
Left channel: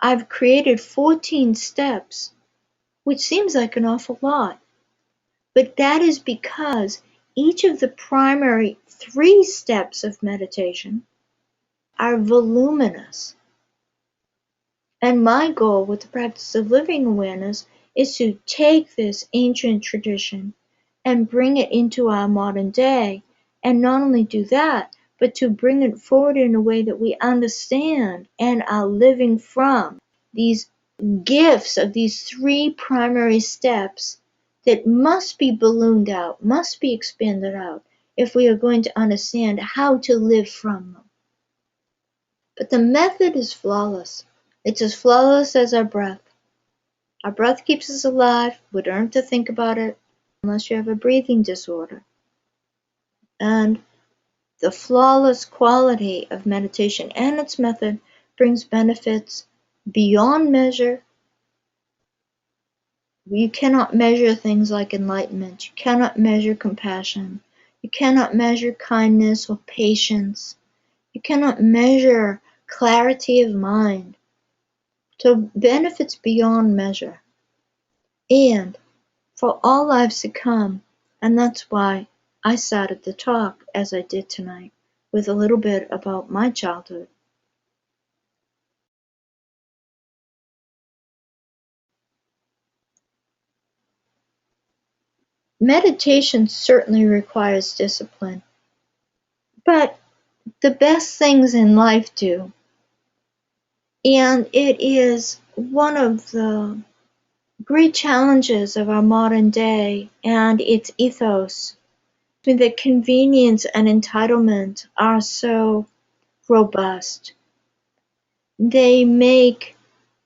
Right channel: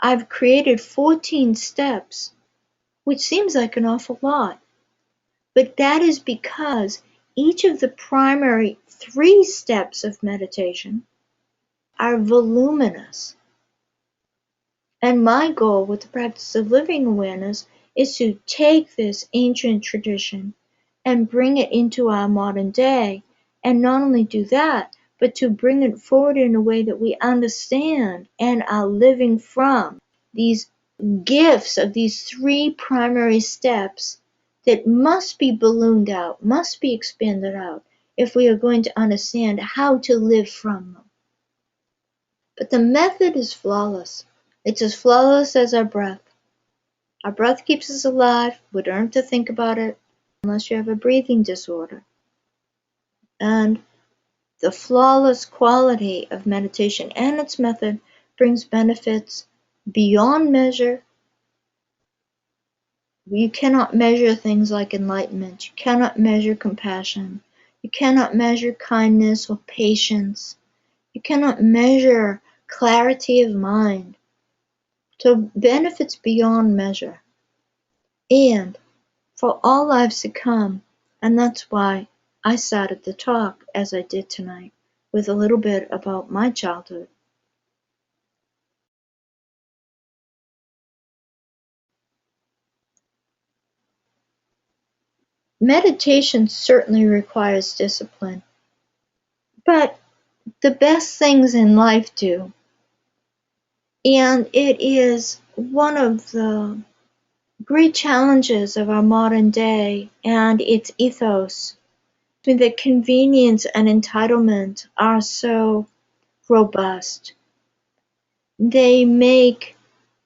I've created 14 steps, which seems like an awful lot. But that is because each of the primary 3 steps of meditation are voluminous. And my goal with the practice of living awareness is to take this ancient tradition and bring it into our modern day, and not only do that, but to bring it forward in a way that we understand and are living from these gifts of these 3 primary steps that must be ballooned out, must be expanded out, if we are going to understand how to live from them. But the method is flawless. It's as flawless as our breath. Our breath keeps us alive. We don't have to think about it unless you have a breathing disorder. And the flawless quality of meditation and its method brings benefits beyond measure. You cannot measure things like enlightenment. You cannot measure compassion. You cannot measure kindness or patience. You cannot measure clarity of mind. So benefits beyond measure. And for all lives to come, and that's why I started the talk as I did tonight, with a little bit about my childhood. Meditation certainly requires discipline, but the best things in life do. And it is one of the great challenges of our modern day and its ethos, that convenience and entitlement are so robust. They make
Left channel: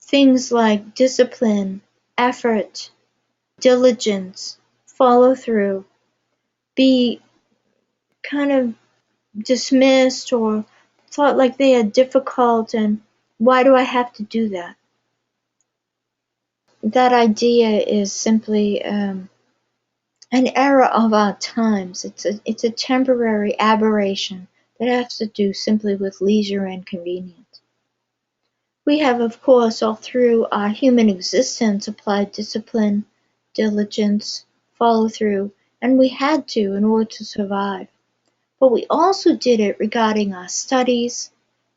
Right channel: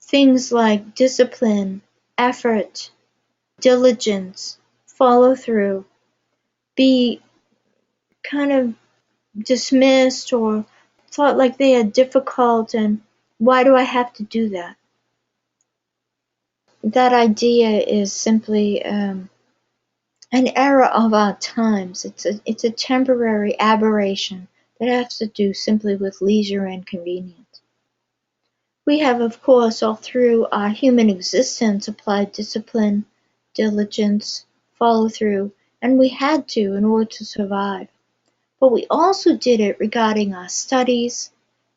things like discipline, effort, diligence, follow through be kind of dismissed or thought like they are difficult, and why do I have to do that? That idea is simply an error of our times. It's a temporary aberration that has to do simply with leisure and convenience. We have, of course, all through our human existence applied discipline, diligence, follow through, and we had to in order to survive. But we also did it regarding our studies,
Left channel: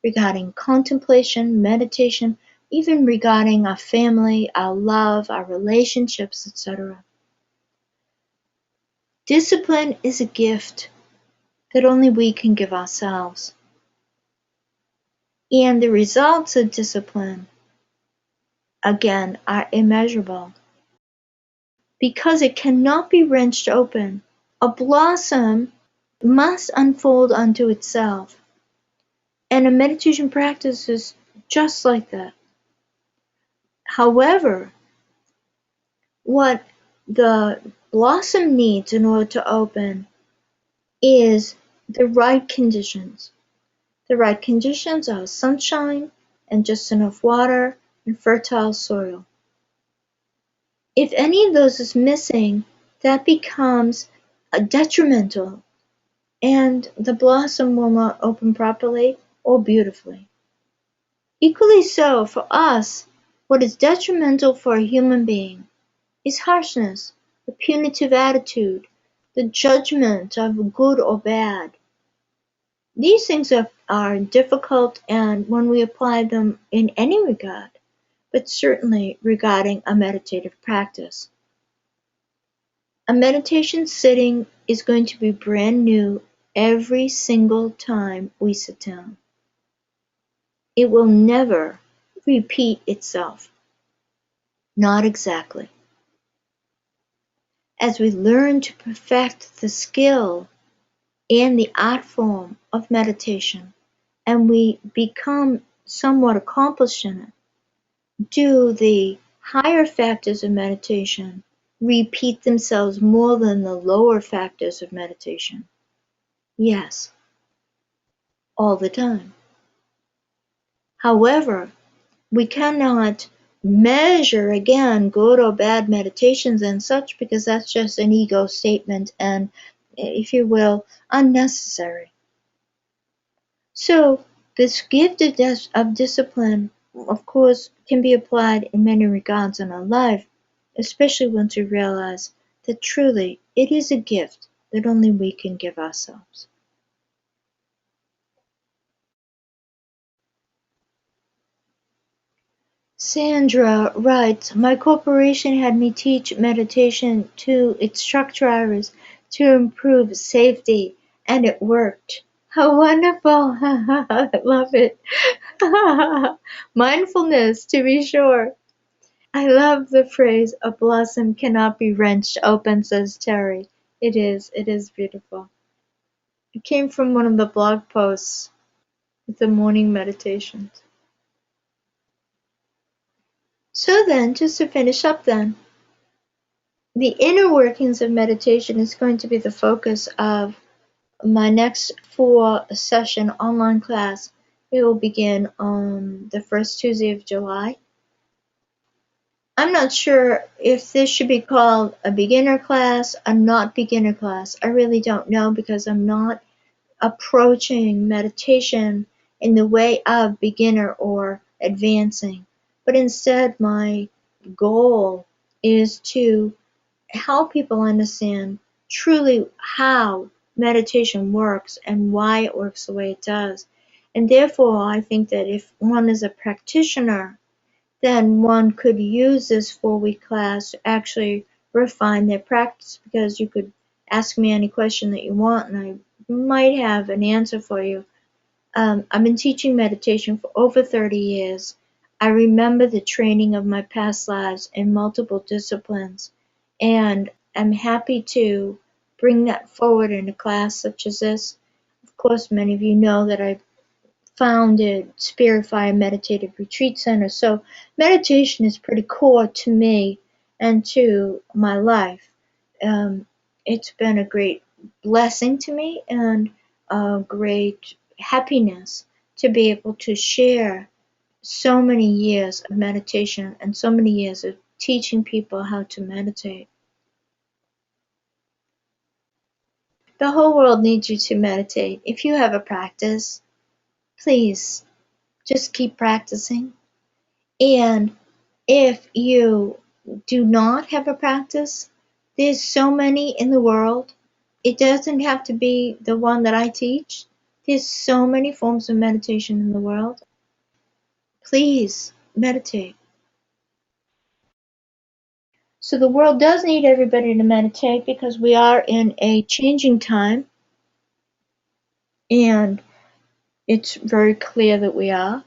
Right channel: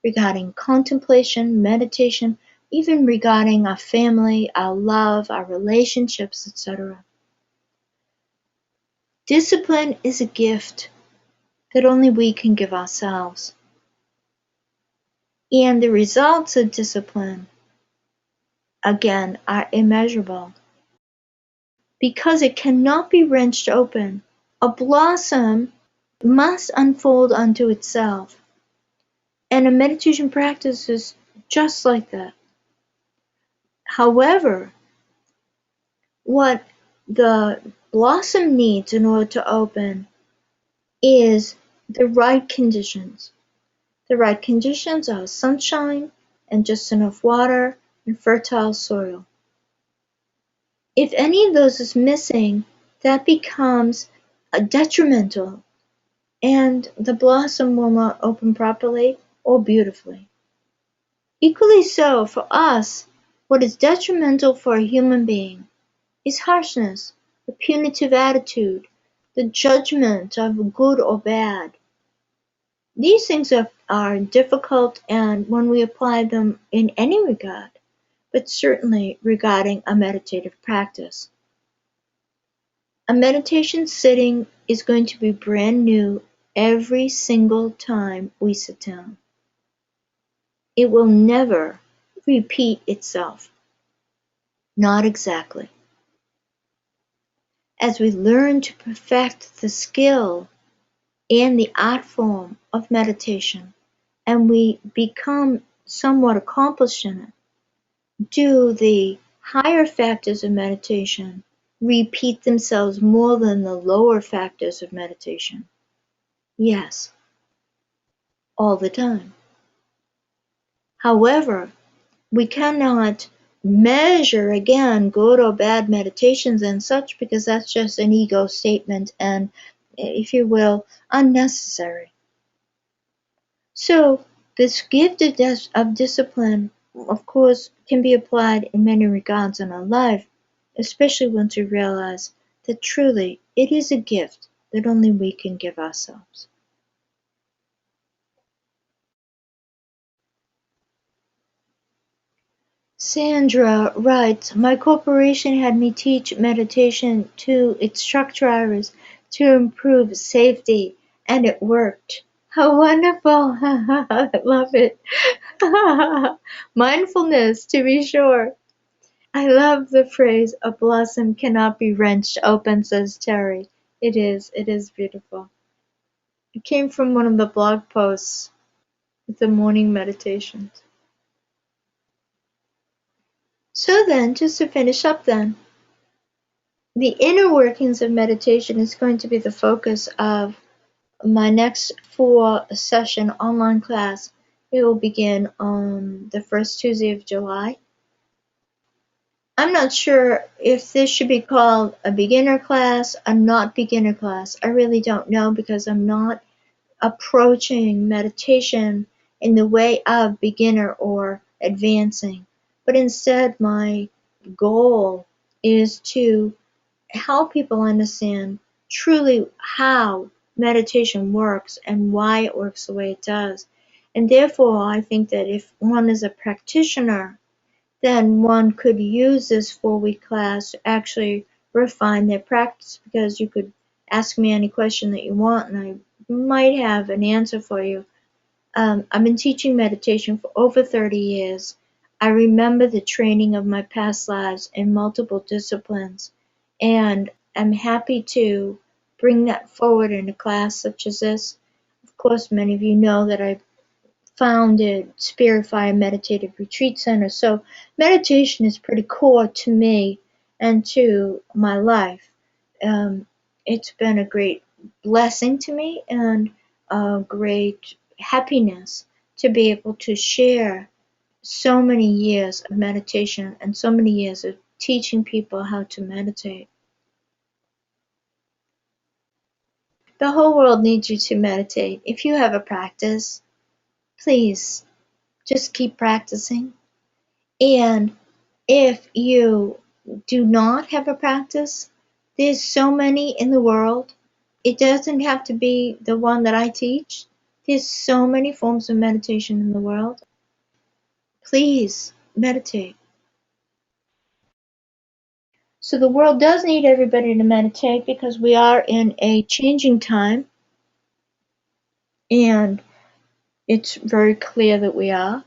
regarding contemplation, meditation, even regarding our family, our love, our relationships, etc. Discipline is a gift that only we can give ourselves. And the results of discipline, again, are immeasurable. Because it cannot be wrenched open, a blossom must unfold unto itself. And a meditation practice is just like that. However, what the blossom needs in order to open is the right conditions. The right conditions are sunshine and just enough water and fertile soil. If any of those is missing, that becomes detrimental, and the blossom will not open properly or beautifully. Equally so for us, what is detrimental for a human being is harshness, a punitive attitude, the judgment of good or bad. These things are difficult, and when we apply them in any regard, but certainly regarding a meditative practice. A meditation sitting is going to be brand new every single time we sit down. It will never repeat itself. Not exactly. As we learn to perfect the skill and the art form of meditation, and we become somewhat accomplished in it, do the higher factors of meditation repeat themselves more than the lower factors of meditation. Yes, all the time. However, we cannot measure again good or bad meditations and such, because that's just an ego statement and, if you will, unnecessary. So this gift of discipline, of course, can be applied in many regards in our life, especially once we realize that truly it is a gift that only we can give ourselves. Sandra writes, my corporation had me teach meditation to its truck drivers to improve safety, and it worked. How wonderful! I love it. Mindfulness, to be sure. I love the phrase, a blossom cannot be wrenched open, says Terry. It is beautiful. It came from one of the blog posts with the morning meditations. So then, just to finish up then, the inner workings of meditation is going to be the focus of my next 4-session online class. It will begin on the first Tuesday of July. I'm not sure if this should be called a beginner class, a not beginner class. I really don't know, because I'm not approaching meditation in the way of beginner or advancing. But instead, my goal is to help people understand truly how meditation works and why it works the way it does. And therefore, I think that if one is a practitioner, then one could use this 4-week class to actually refine their practice, because you could ask me any question that you want and I might have an answer for you. I've been teaching meditation for over 30 years. I remember the training of my past lives in multiple disciplines, and I'm happy to bring that forward in a class such as this. Of course, many of you know that I founded Spirit Fire Meditative Retreat Center, so meditation is pretty core to me and to my life. It's been a great blessing to me and a great happiness to be able to share so many years of meditation and so many years of teaching people how to meditate. The whole world needs you to meditate. If you have a practice, please just keep practicing. And if you do not have a practice, there's so many in the world. It doesn't have to be the one that I teach. There's so many forms of meditation in the world. Please meditate. So the world does need everybody to meditate, because we are in a changing time, and it's very clear that we are.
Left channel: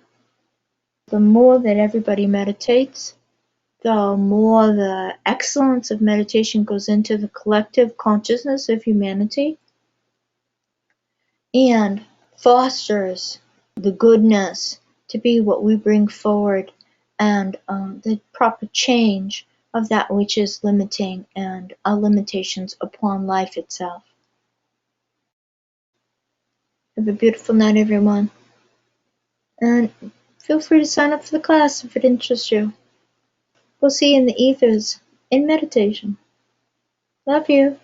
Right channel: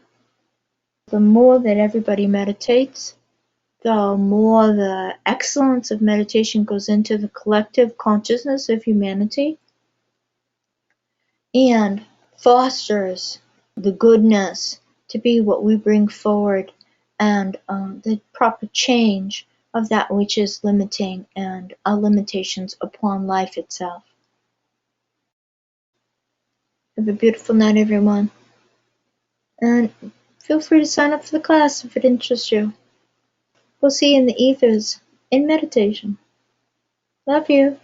The more that everybody meditates, the more the excellence of meditation goes into the collective consciousness of humanity and fosters the goodness to be what we bring forward, and the proper change of that which is limiting and our limitations upon life itself. Have a beautiful night, everyone. And feel free to sign up for the class if it interests you. We'll see you in the ethers in meditation. Love you.